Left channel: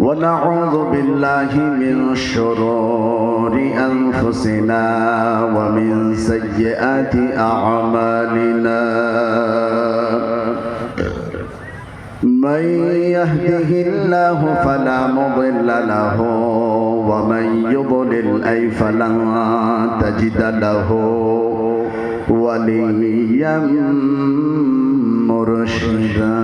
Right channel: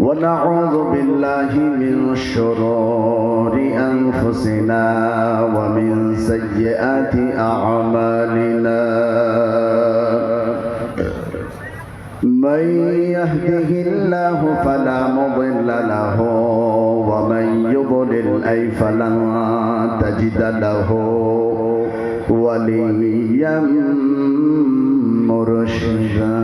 ونعوذ بالله من شرور أنفسنا ومن سيئات أعمالنا. من يهده الله فلا مضل له ومن يضلل أي فلن تجد له وليا مرشدا.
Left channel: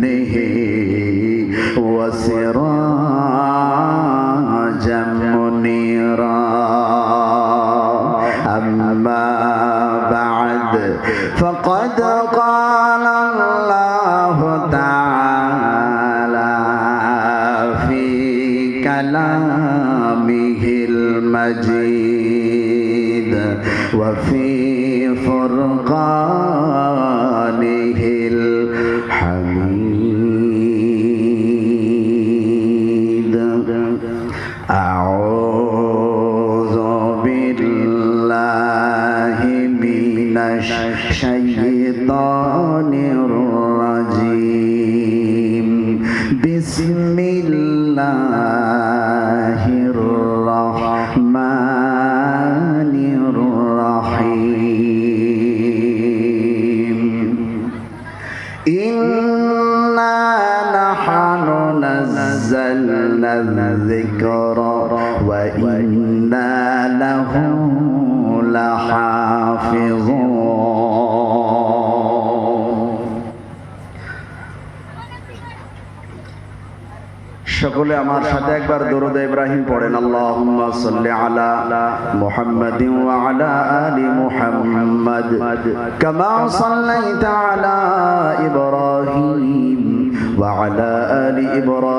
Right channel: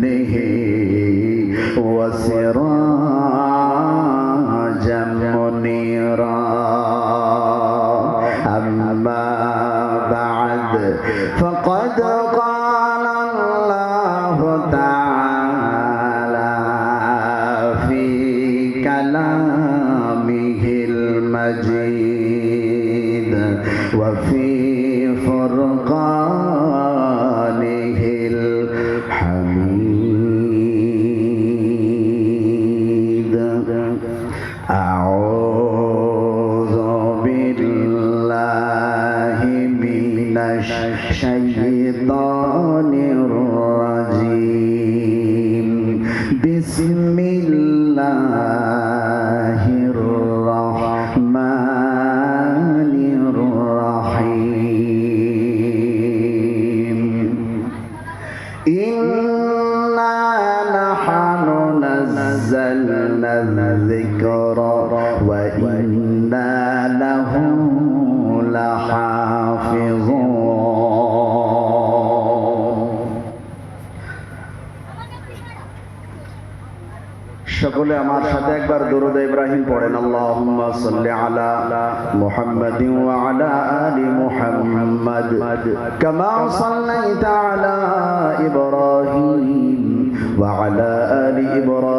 स्नेहे الذكر وإنا له لحافظون সকলে আমার সাথে একবার দরুদ ইব্রাহিম পড়েন আল্লাহুম্মা সাল্লি আলা মুহাম্মাদিন ওয়া আলা আলি মুহাম্মাদ কামা সাল্লাইতা আলা ইব্রাহিম ওয়া আলা আলি ইব্রাহিম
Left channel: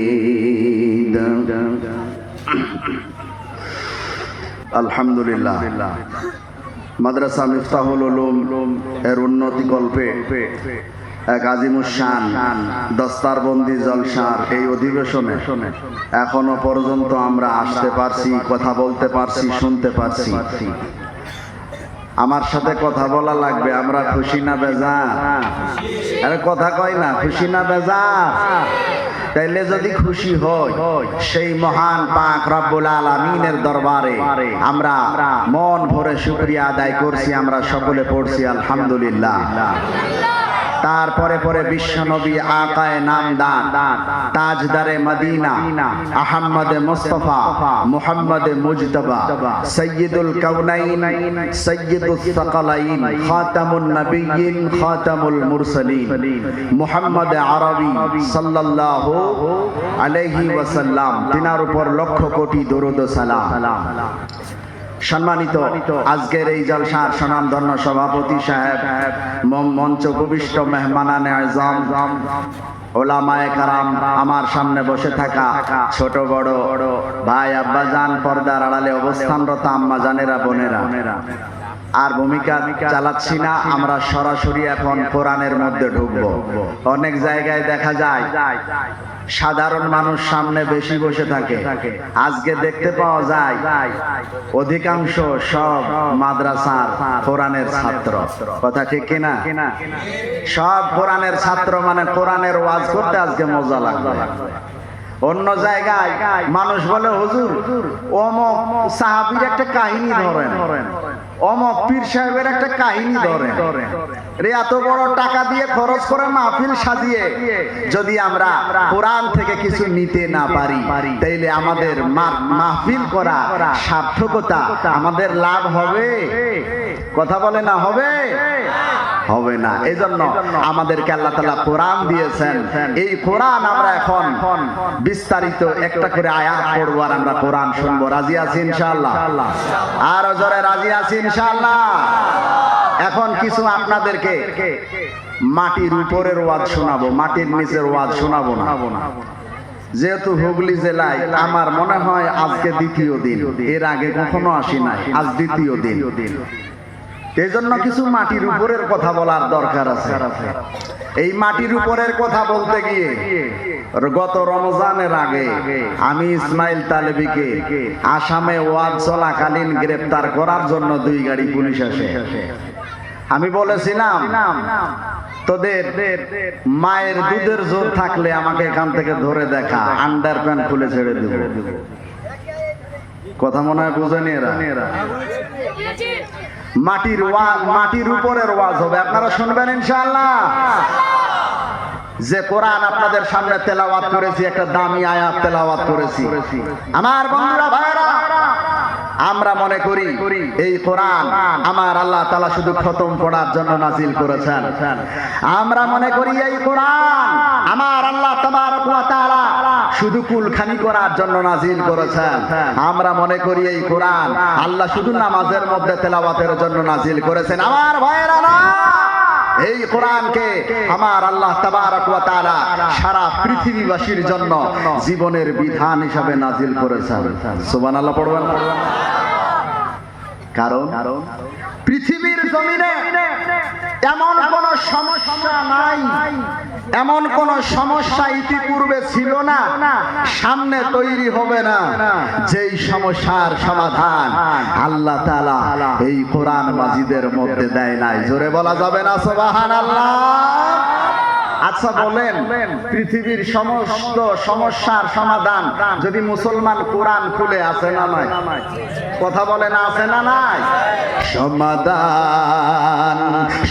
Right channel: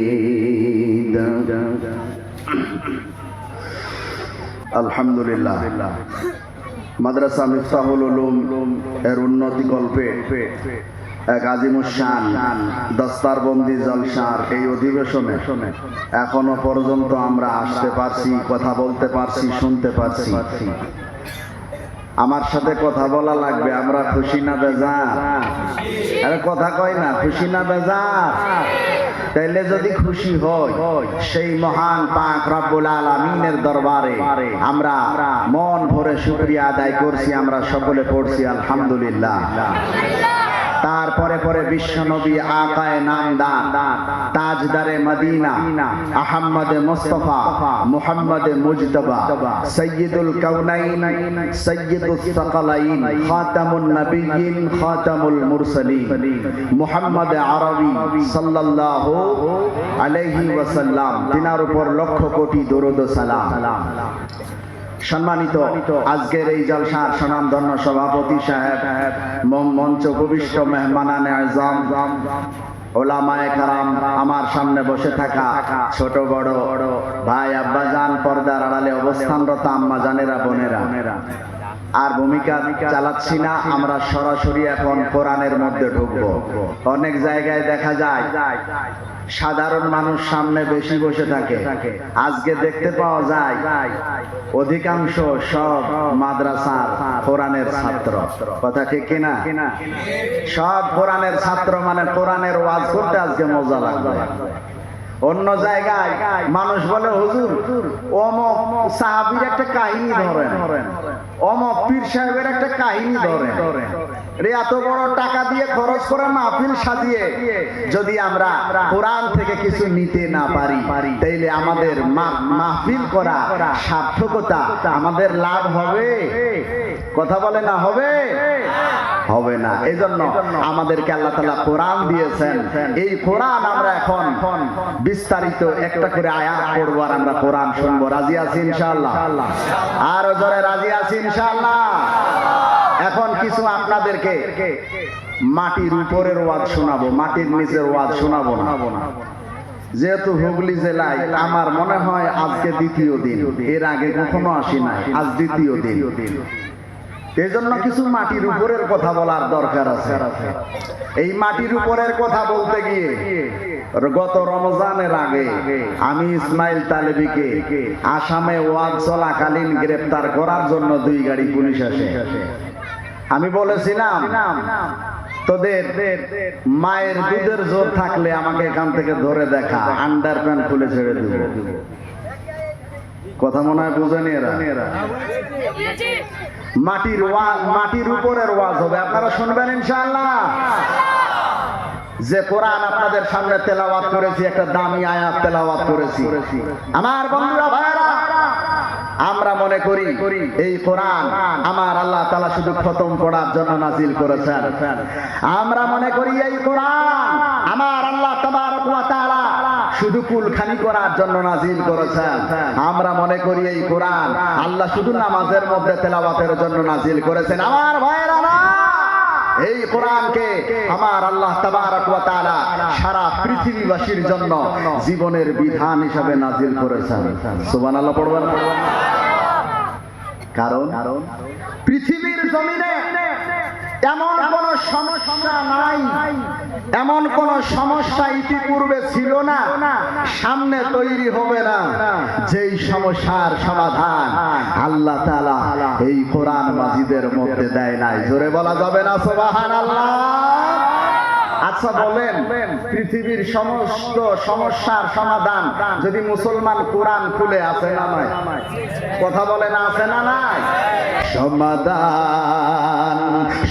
আলহামদুলিল্লাহ। মাদ্রাসা মিফতাহুল উলুম এর উন্নতি গল্পে এক আজিমুসান দস্তারবন্দি জলসার এই অধিবেশনে এখনও পর্যন্ত আমরা আসতে পারছি, কথা বলতে পারছি, শুনতে পারছি। আমার সাথে কথা বলা লাগবে, আমরা খুশি না বেজা আরে কথা কয় না, খুশি না বেজা তাইলে যদি খুশি হই, সেই মহান পাক রব্বুল আলামিনের দরবারে আমরা মন ভরে শুকরিয়া আদায় করছি, আমরা সকলে পড়ছি আলহামদুলিল্লাহ। তারপরে পরে বিশ্বনবী আকায় নামদান তাজদারে মদিনা, আহম্মদ মুস্তফা, মুহাম্মদ মুজতবা, সৈয়দুল কাউনাইন সৈয়দুল সাকালাইন, খাতামুন নবিয়িন খাতামুল মুরসালিন, মুহাম্মদ আরবি সাল্লাল্লাহু আলাইহি ওয়াসাল্লাম, তিনার উপর লক্ষ কোটি দরুদ সালাম। সম্মানিত আজকের এই জলসার সুনামধন্য সভাপতি সাহেব মঞ্চ উপবিষ্ট মেহমানানে আমার সামনে বসে থাকা ছোট বড় ভাই আব্বাজান পর্দার আড়ালে অবস্থানরত আম্মা জানেরা বোনেরা। আর ভূমিকা চালাচ্ছি না, আমরা সরাসরি এখন কোরআনের মধ্যে ঢুকবো। অনেক জায়গায় দেখা যায় সাধারণ মানুষ সামনে বেশি বসে থাকে। আজকে দেখতে পাওয়া যায়, অধিকাংশ সব মাদ্রাসার কোরআনের ছাত্র। কথা ঠিক কিনা? সব কোরআনের ছাত্র মানে কোরআনের ওয়াজ করতে আজকে মজা লাগবে। অন্য জায়গায় মানুষ বলে, হুজুর, অমক সাহাবির একটা কাহিনী ধরেন। পীর সাহেবের একটা কাহিনী রে, এত বড় টাকা দিয়ে খরচ করে মাহফিল সাজিয়ে যদি আমরা কোরআন থেকে কিছু নিতে না পারি, তাইলে আমাদের মাহফিল করা সার্থকতা আমাদের লাভ হবে। কথা বলে না হবে? হবে না। আমাদেরকে আল্লাহ তালা কোরআন দিয়েছেন। এই কোরআন আমরা এখন বিস্তারিত একটা করে আয়াত পড়ব আর আমরা কোরআন শুনব। রাজি আছি জোরে রাজি আছি ইনশাআল্লাহ। এখন কিছু আপনাদেরকে মাটির উপরের ওয়াজ শোনাবো, মাটির নিচের ওয়াজ শোনাবো না। যেহেতু হুগলি জেলায় আমার মনে হয় আজকে দ্বিতীয় দিন, এর আগে কখনো আসি নাই, আজ দ্বিতীয় দিন। এই জন্য কিছু মাটির উপরের কথা বলার দরকার আছে। এই মাটির উপরের কথা বলতে গিয়ে গত রমজানের আগে আমি ইসমাইল তালেবিকে আসামে ওয়াজ চলাকালীন গ্রেপ্তার করার জন্য দুই গাড়ি পুলিশ আসে। আমি বলেছিলাম, তোদের মায়ের দুধের জোর থাকলে আমাকে এখান থেকে ধরে দেখা আন্ডার প্যান্ট খুলে ছেড়ে দিব। কথা মনে হয় বুঝেনি এরা? মাটির মাটির উপরের ওয়াজ হবে। আপনারা শুনবেন ইনশাআল্লাহ। যে কোরআন আপনাদের সামনে তেলাওয়াত করেছি, একটা দামি আয়াত তেলাওয়াত করেছি। আমার বন্ধুরা ভাইরা আমরা মনে করি এই কোরআন আমার আল্লাহ তালা শুধু খতম পড়ার জন্য নাজিল করেছেন। আমরা মনে করি এই কোরআন আমার আল্লাহ তোমার শুধু কুলখানি করার জন্য নাজিল করেছেন। আমরা মনে করি এই কোরআন আল্লাহ শুধু নামাজের মধ্যে তেলাওয়াতের জন্য নাজিল করেছেন। আমার ভাইয়েরা, এই কোরআনকে আমার আল্লাহ সারা পৃথিবীবাসীর জন্য জীবনের বিধান হিসাবে নাজিল করেছেন। সুবহানাল্লাহ, পড়বেন? কারণ পৃথিবীর জমিনে এমন কোন সমস্যা এমন কোন সমস্যা ইতিপূর্বে ছিল না, সামনে তৈরি হবে না। যেই সমস্যার সমাধান আল্লাহ তালা এই কোরআন মাজিদের মধ্যে দেয় নাই। জোরে বলা যাবে না সোবাহান আল্লাহ আচ্ছা বলেন, পৃথিবীর সমস্ত সমস্যার সমাধান যদি মুসলমান কোরআন খুলে আছে না নাই কথা বলেন আছে না নাই সমাধান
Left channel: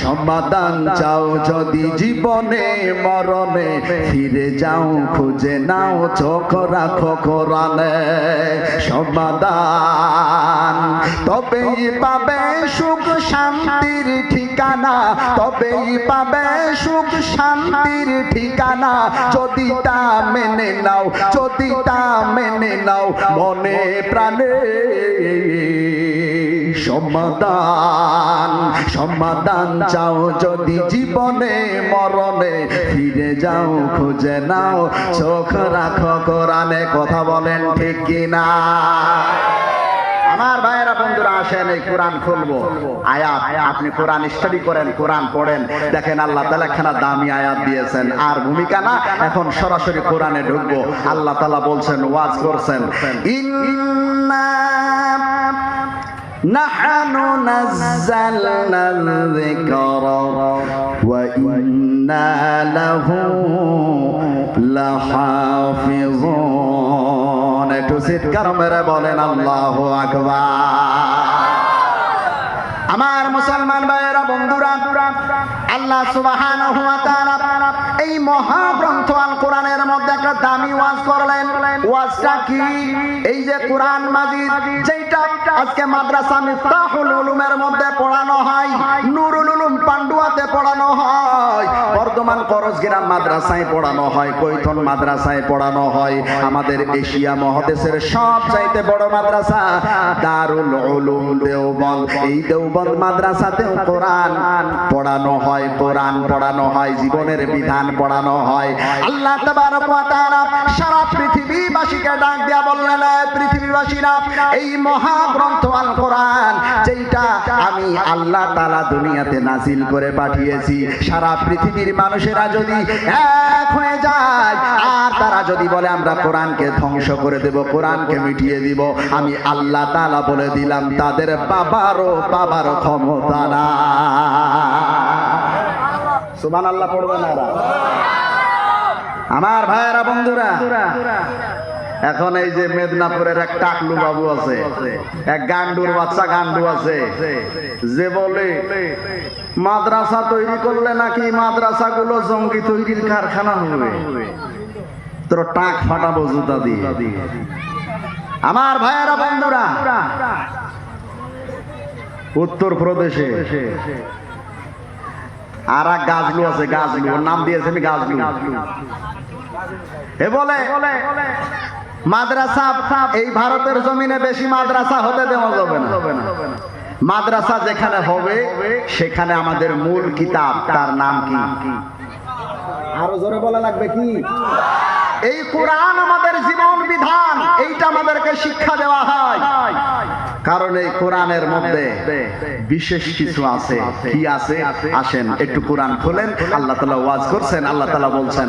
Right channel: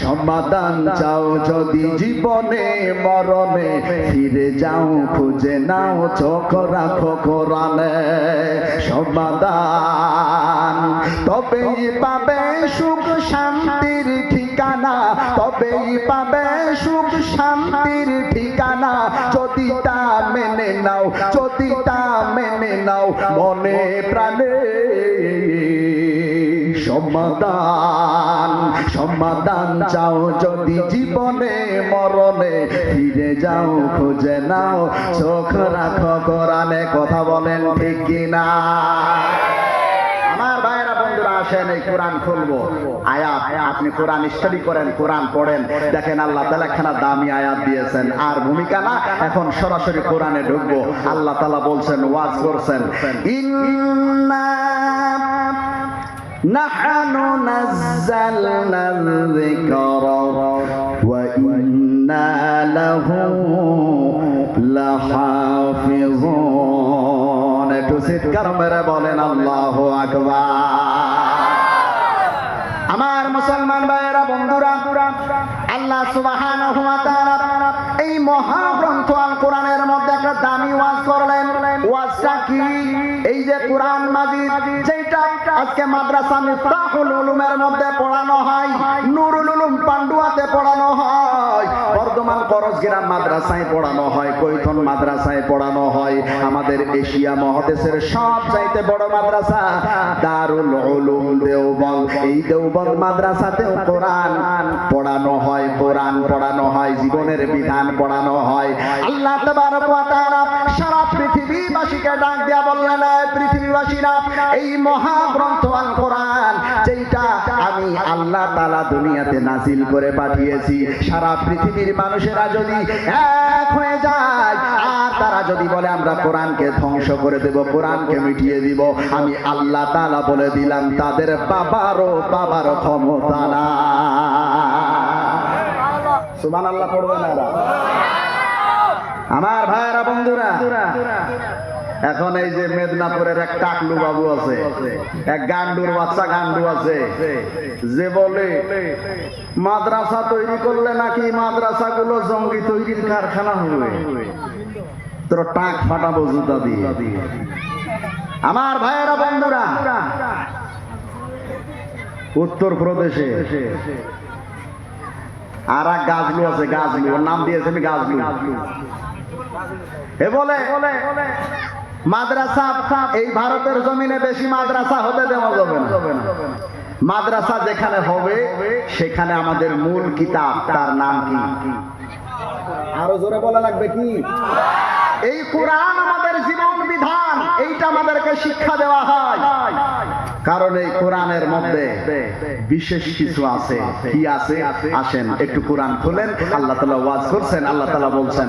সমাধান চাও যদি জীবনে, মরণে, ফিরে যাও, খুঁজে নাও, চোখ রাখো কোরআনে। সমাধান তবেই পাবে সুখ সমাধান সমাধান চাও যদি জীবনে, মরণে। ফিরে যাও, খুঁজে নাও, চোখ রাখো, কোরআনে কথা বলেন ঠিক কিনা। কোরআন খুলবো। আপনি কোরআন স্টাডি করেন, কোরআন পড়েন। দেখেন আল্লাহ তালা খানা দামি আয়াত দিয়েছেন। আর ভূমিকা না, এখন সরাসরি কোরআনে ঢুকবো। আল্লাহ তালা বলছেন, ওয়াজ করছেন। ইন্না نحن نزلنا الذكر وإنا له لحافظون একটু চিৎকার মেরে বলেন আল্লাহ আকবার আমার মুসলমান ভাইয়েরা বন্ধুরা আল্লাহ সুবহানাহু ওয়া তাআলা এই মহাগ্রন্থ আল কোরআনের মধ্যে একটা দামি ওয়াজ করলেন ওয়াজটা কি এই যে কোরআন মাজিদ যেটা আজকে মাদ্রাসা মিফতাহুল উলুমের মধ্যে পড়ানো হয়, নুরুল উলুম পান্ডুয়াতে পড়ানো হয়, বর্ধমান করজগ্রাম মাদ্রাসায় পড়ানো হয়, কৈথন মাদ্রাসায় পড়ানো হয়। আমাদের এশিয়া মহাদেশের সব চাইতে বড় মাদ্রাসা দারুল উলুম দেওবন্দ। এই দেওবন্দ মাদ্রাসাতেও কোরআন পড়ানো হয়, কোরআন পড়ানো হয়, জীবনের বিধান পড়ানো হয়। আল্লাহ তাবারক ওয়া তাআলা সারা পৃথিবীবাসীকে ডাক দিয়া বললেন "এ পৃথিবীবাসীরা এই মহাগ্রন্থ আল কোরআন যেটা আমি আল্লাহ তাআলা দুনিয়াতে নাজিল করে পাঠিয়েছি। সারা পৃথিবীর মানুষেরা যদি এক হয়ে যায় যদি বলে, আমরা কোরআনকে ধ্বংস করে দেব, কোরআনকে মিটিয়ে দিব। আমি আল্লাহ তাআলা বলে দিলাম, তাদের বাবারও বাবারও ক্ষমতা না সুমান আল্লাহ পড়বে না আমার ভাইয়েরা, বন্ধুরা এখন এই যে মেদিনীপুরের এক টাকলু বাবু আছে, এক গান্ডুর বাচ্চা গান্ডু আছে, যে বলে, মাদ্রাসা তৈরি করলে নাকি মাদ্রাসা গুলো জঙ্গি তৈরির কারখানা হবে? তোর টাক ফাটাবো জুতা দিয়ে। আমার ভাইয়েরা, বন্ধুরা উত্তর প্রদেশে আর এক গাছলু আছে, গাছলু। ওর নাম দিয়েছে আমি গাছলু। এ বলে মাদ্রাসা এই ভারতের জমিনে বেশি মাদ্রাসা হতে দেওয়া যাবে না। মাদ্রাসা যেখানে হবে সেখানে আমাদের মূল কিতাব তার নাম কি? আরও জোরে বলা লাগবে কি? এই কোরআন আমাদের জীবন বিধান এইটা আমাদেরকে শিক্ষা দেওয়া হয়। কারণ এই কোরআনের মধ্যে বিশেষ কিছু আছে। কি আছে? আসেন একটু কোরআন খোলেন আল্লাহ তালা ওয়াজ করছেন আল্লাহ তালা বলছেন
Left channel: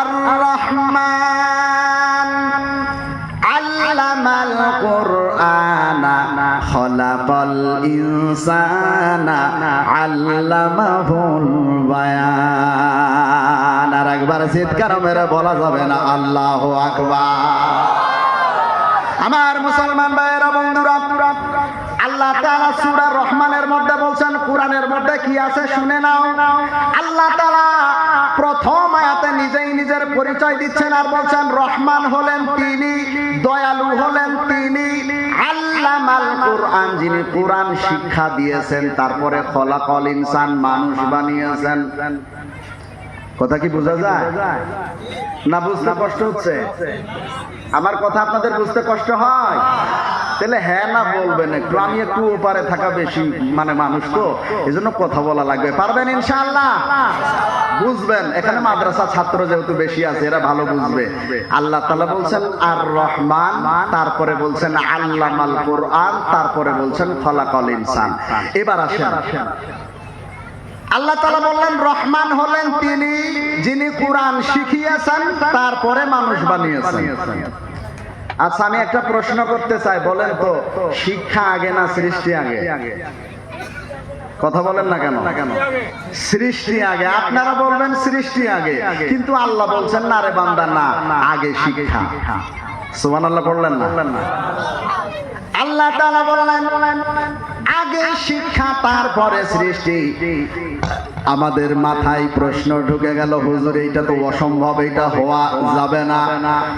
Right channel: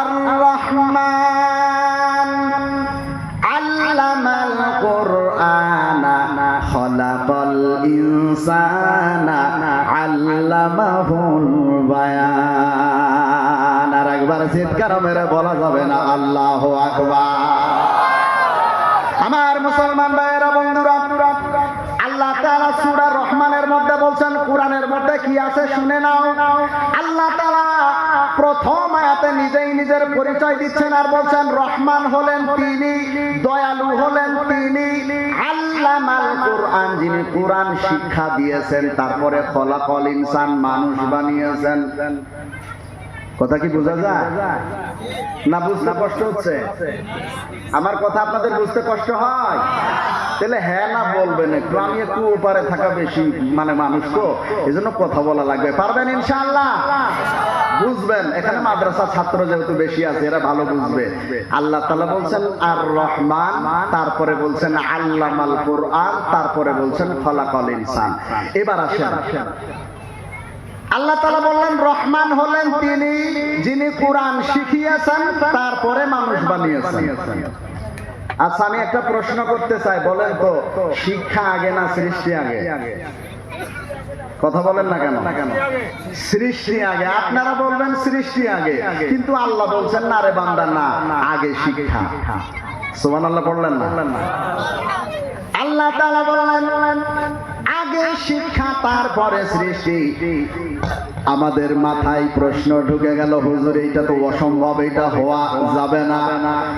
আর রহমান আল্লামাল কোরআনা, খলাকাল ইনসানা, আল্লামাহুল বায়ান। আর একবার চিৎকার মেরে বলা যাবে না, আল্লাহ আকবার। আমার মুসলমান ভাইয়েরা, বন্ধুরা, আল্লাহ তাআলা সূরা রহমানের মধ্যে বলছেন, কোরআনের মধ্যে কি আছে শুনে নাও। নিজেই নিজের পরিচয় দিচ্ছেন আর বলছেন, রহমান হলেন তিনি, দয়ালু হলেন তিনি। মানুষ আমার কথা আপনাদের বুঝতে কষ্ট হয়? তাহলে হ্যাঁ না বলবেন একটু, আমি একটু ওপারে থাকা বেশি মানে মানুষ তো এই কথা বলা লাগবে। পারবেন ইনশাআল্লাহ? বুঝবেন, এখানে মাদ্রাসা ছাত্র যেহেতু বেশি আছে, এরা ভালো বুঝবে। আল্লাহ তাআলা বলছেন আর রহমান তারপরে বলছেন, আল্লামাল কোরআন তারপরে বলছেন খলাকল ইনসান এবার আসেন। আল্লাহ তালা বললেন, রহমান হলেন তিনি যিনি কোরআন শিখিয়েছেন, তারপরে মানুষ বানিয়েছেন। আচ্ছা আমি একটা প্রশ্ন করতে চাই, বলেন তো, শিক্ষা আগে না সৃষ্টি আগে? কথা বলেন না কেন? সৃষ্টি আগে। আপনারা বলবেন সৃষ্টি আগে, কিন্তু আল্লাহ বলছেন না রে বান্দা, না, আগে শিক্ষা। সুমান আল্লাহ বললেন না? আল্লাহ তাআলা বললেন, আগে শিক্ষা, তারপরে সৃষ্টি। আমাদের মাথায় প্রশ্ন ঢুকে গেল, হুজুর, এইটা তো অসম্ভব, এটা হওয়া যাবে না।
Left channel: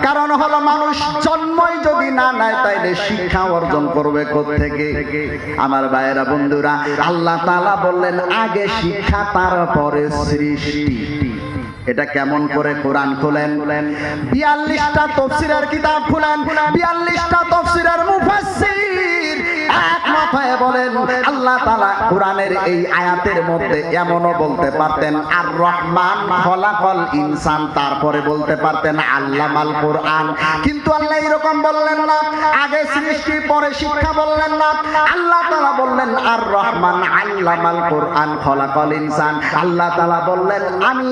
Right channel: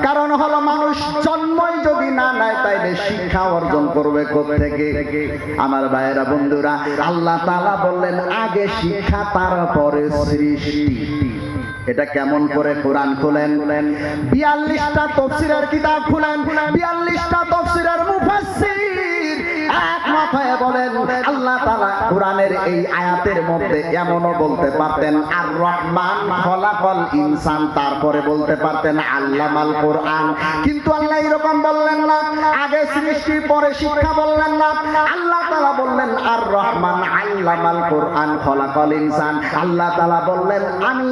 কারণ হলো মানুষ জন্মই যদি না নেয়, তাইলে শিক্ষা অর্জন করবে থেকে আমার ভাইয়েরা, বন্ধুরা, আল্লাহ তাআলা বললেন, আগে শিক্ষা, তারপরে সৃষ্টি। এটা কেমন করে কোরআন খোলেন? বিয়াল্লিশটা তফসিরের কিতাব খোলেন, বিয়াল্লিশটা তফসিরের মুফাসসির একমত হয়ে বলেন, আল্লাহ তাআলা কোরআনের এই আয়াতের মধ্যে এমনও বলতে পারতেন আর রহমান খলাকল ইনসান। তারপরে বলতে পারতেন, আল্লামাল কোরআন। কিন্তু আল্লাহ এরকম বললেন না, আগে সৃষ্টি, পরে শিক্ষা বললেন না। আল্লাহ তাআলা বললেন আর রহমান আল্লামাল কোরআন খলাকল ইনসান। আল্লাহ তাআলা বললেন, আমি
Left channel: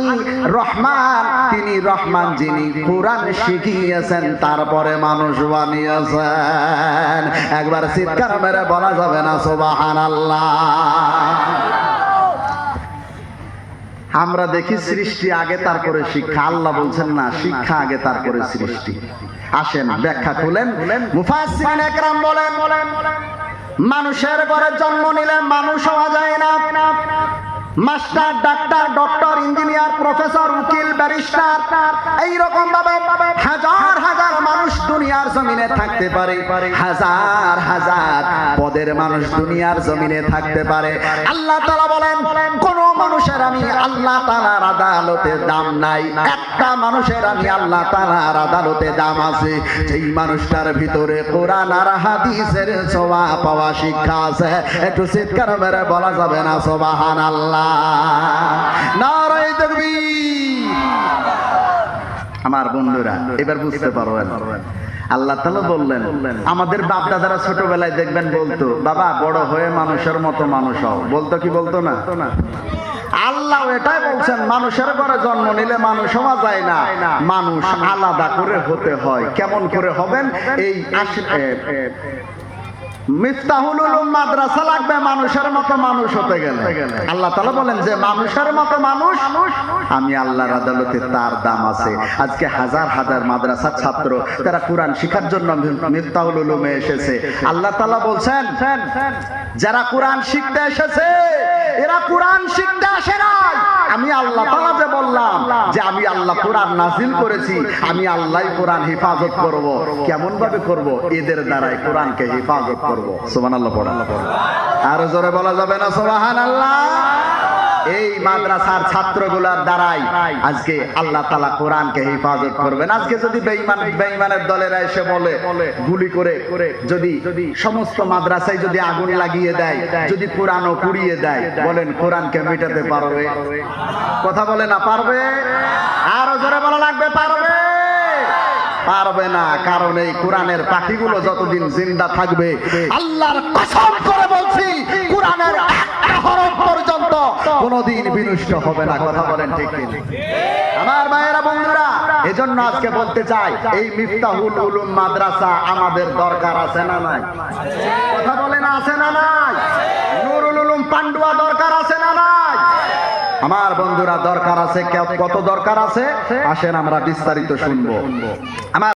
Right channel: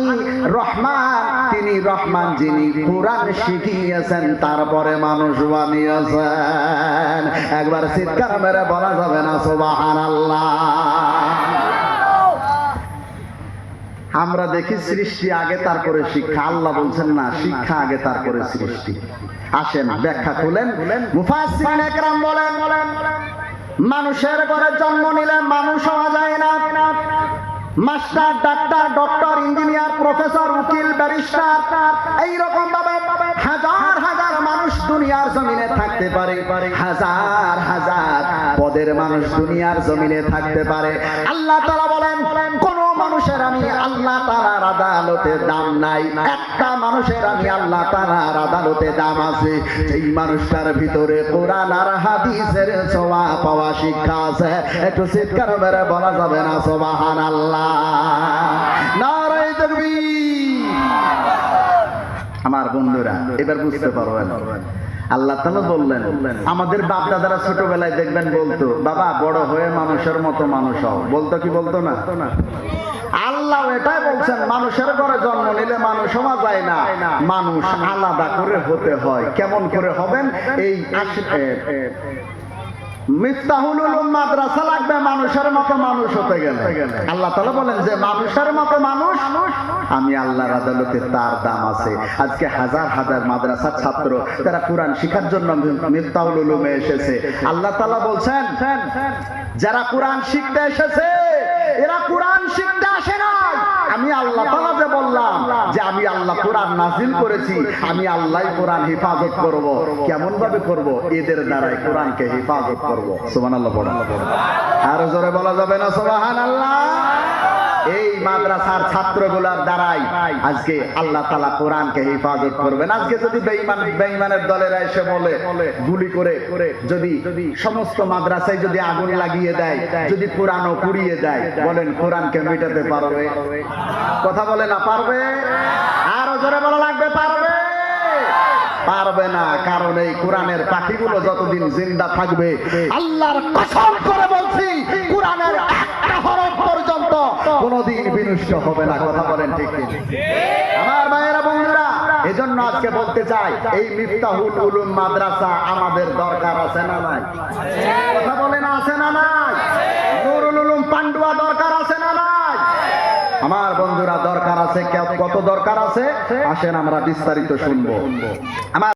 রহমান। তিনি রহমান যিনি কোরআন শিখিয়েছেন, তারপরে মানুষ বানিয়েছেন। একবার চিৎকার মেরে বলা যাবে না, সুবহানাল্লাহ। আমরা দেখি সৃষ্টি আগে তারপরে শিক্ষা। আল্লাহ বলছেন, না, শিক্ষা আগে তারপরে সৃষ্টি। আসেন, ব্যাখ্যা খুলেন। মানুষের ঘরে জন্ম নিলে মানুষ হওয়া যায় না। Master, doctor, doctor, engineer, professor, উকিল, ব্যারিস্টার, এইরকম ভাবে হাজার হাজার মানুষ দুনিয়ার জমিনে থাকতে পারে। হাজার হাজার পদের মানুষ দুনিয়ার জমিনে থাকতে পারে। আল্লাহ আদালতে দাম নাই। একটা মানুষের আমি আল্লাহ তালার আদালতে দাম আছে। সেই মানুষটার ভিতরে কোরআন আর হাদিসের ছোঁয়া পাওয়া শিক্ষা আছে, একটু চিৎকার বেড়ে বলা যাবে না, সুবহানাল্লাহ। নারায়ে তাকবীর। আমার বন্ধুরা, এবার বুঝতে পারবেন আল্লাহ তালা বললেন আমাদের বাপ দাদারা ছোটবেলায় দেখবেন বলতো বাবা বড় হয়ে মানুষের মতো মানুষ হও। বলতো কি বলতো না? আল্লাহ এটাই বলছেন মানুষের ঘরে জন্ম নিলে মানুষ হওয়া যায় না। মানুষ আলাদা করে হতে হয়। কেমন করে হবেন? এই আল্লাহ আজকে হাজার হাজার মাদ্রাসার ছাত্র, তারা কোরআন শিখার জন্য মিফতাহুল উলুমে এসেছে। আল্লাহ তাআলা বলছেন, যারা কোরআন শিখতে এসেছে, এরা কোরআন শিখতে আসে না আমি আল্লাহ তাআলা যে বললাম যে আমি আল্লাহ কোরআন নাজিল করেছি, আমি আল্লাহ কোরআন হেফাজত করব। কেমন ভাবে করব? এদের দ্বারাই কোরআনকে হেফাজত করব। সুবহানাল্লাহ আল্লাহ আর জোরে বলা যাবে না? সুবহানাল্লাহ। এই মাদ্রাসার ছাত্রগুলার দ্বারাই আজকে আল্লাহ তালা কোরআনকে হেফাজত করবেন। আজকে যদি বেঈমান বেঈমানের দলেরা এসে বলে, গুলি করে, যদি সমস্ত মাদ্রাসায় যদি আগুন লাগিয়ে দেয়, যদি কোরআনও পুড়িয়ে দেয়, বলেন কোরআনকে মেটাতে পারবে? কথা বলে না, পারবে? আরও জোরে বলা লাগবে, পারবে? পারবে না, কারণ এই কোরআনের পাখিগুলো যতদিন জিন্দা থাকবে, আল্লাহর কসম করে বলছি কোনোদিন বিনষ্ট হবে না, কথা বলেন ঠিক আমার ভাইয়েরা বন্ধুরা, এজন্য আজকে বলতে চাই, এই মিফতাহুল উলুম মাদ্রাসা আমাদের দরকার আছে না নাই? কথা বলেন, আছে না নাই? নুরুল উলুম পান্ডুয়া দরকার আছে না নাই? আমার বন্ধুরা, দরকার আছে? কত দরকার আছে? আসেন, আমরা বিস্তারিত শুনব। আমার